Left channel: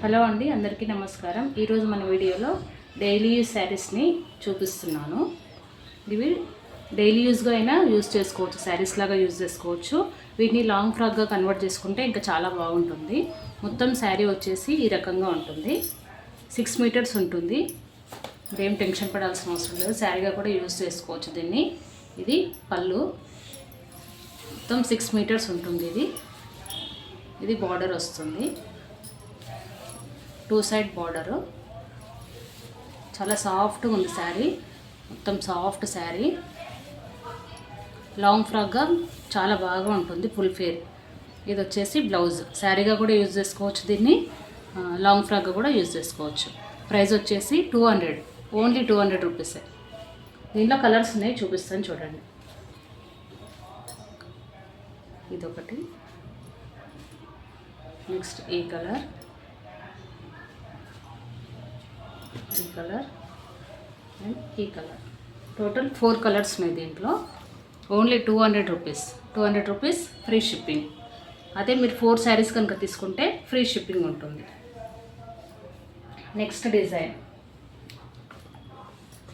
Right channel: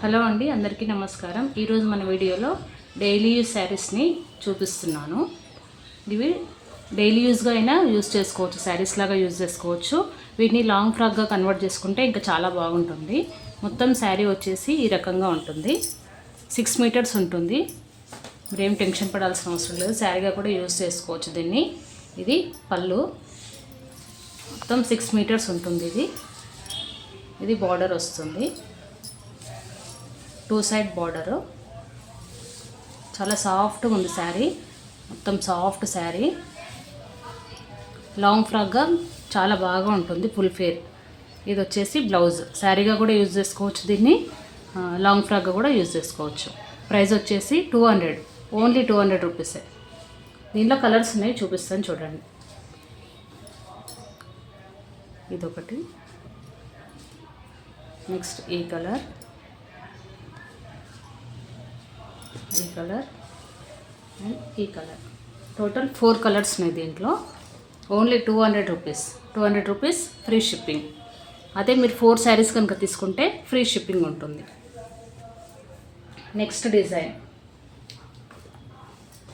Hello అండి, అందరికీ నమస్కారం. ఈరోజు మన వీడియోలో డైలీ యూజ్ శారీస్ని చూపిస్తున్నాను. ఇవి డైలీ యూజ్గా అయినా యూజ్ చేసుకోవచ్చు, శారీస్ లాగా యూజ్ చేసుకోవచ్చు. వీటిని లాంగ్ ఫ్రాక్గా కన్వర్ట్ చేసుకుంటే ఇంకా చాలా బాగుంటుంది. మొత్తం శారీ వచ్చేసి ఈ రకంగా ఉంటుంది. 6 మీటర్స్ ఉంటుంది. మీరేం టెన్షన్ పడాల్సిన అవసరం లేదు, శారీగా కూడా యూజ్ చేసుకోవచ్చు దీన్ని. ఇది పళ్ళు, మొత్తం 6 మీటర్స్ ఉంటుంది. ఇది బార్డర్ వస్తుంది, 2 సైడ్ బార్డరు. చాలా సాఫ్ట్గా ఉంది శారీ, మొత్తం సాఫ్ట్ శారీ. లాంగ్ ఫ్రాక్గా చాలా బాగా ఉంటుంది, ఫుల్ ఫేర్. ఇది వచ్చేసి బ్లౌజ్, శారీగా కూడా యూజ్ చేసుకోవచ్చు దీన్ని, లాంగ్ ఫ్రాక్గా కూడా యూజ్ చేసుకోవచ్చు. ప్రైస్ వచ్చేసి 200, ఓన్లీ 200 రూపీసే. దీంట్లో కలర్స్ ఉన్నాయి, చూపిస్తాను చూడండి. ఇదొకటి, నెక్స్ట్ ఈ కలర్, ఈ కలర్ అండ్ ఈ కలర్. టోటల్ 4 కలర్స్ ఉన్నాయి దీంట్లో. Only 200 rupees. 200 rupees free shipping. అదే మీరు 4 శారీస్ కనుక తీసుకుంటే ఫ్రీ షిప్పింగ్ ఉంటుంది. నెక్స్ట్ డిజైన్,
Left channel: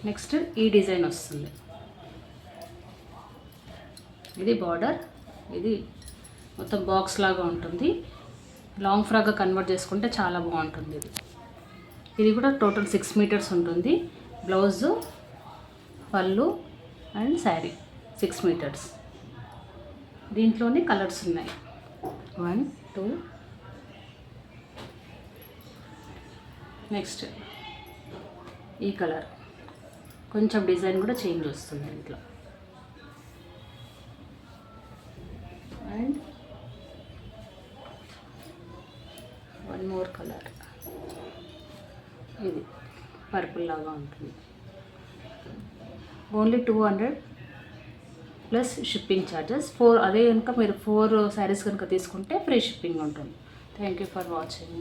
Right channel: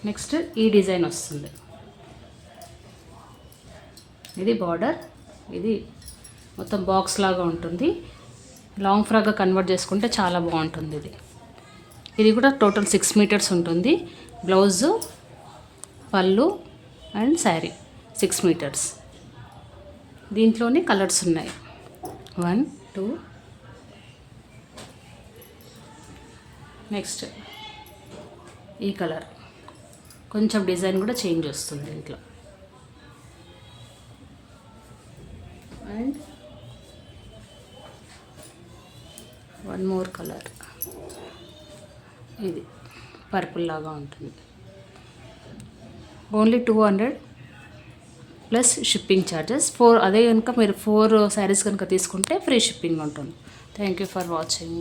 నెక్స్ట్ ఈ డిజైన్ వస్తుంది. ఇది బార్డర్, ఇది మొత్తం బాక్స్ లాగా ఉంటుంది. లాంగ్ ఫ్రాక్గా కన్వర్ట్ చేసుకుంటే చాలా బాగుంటుంది. ఇది కూడా టోటల్ 6 మీటర్స్ ఉంటుంది. బ్లౌజు, పళ్ళు అండ్ శారీ 6 మీటర్స్. దీంట్లోనే కలర్స్ ఉన్నాయి, 1 2. నెక్స్ట్ ఈ కలర్, కొంచెం డిజైన్ కూడా చేంజ్ వస్తుంది దీంట్లో. అండ్ 1 మోర్ కలర్, ఇది పర్పుల్ లాగా ఉంటుంది. Only 200 plus shipping charges. అదే కనుక మీరు 4 శారీస్ కనుక తీసుకుంటే ఫ్రీ షిప్పింగ్ ఉంటుంది. Thank you for watching.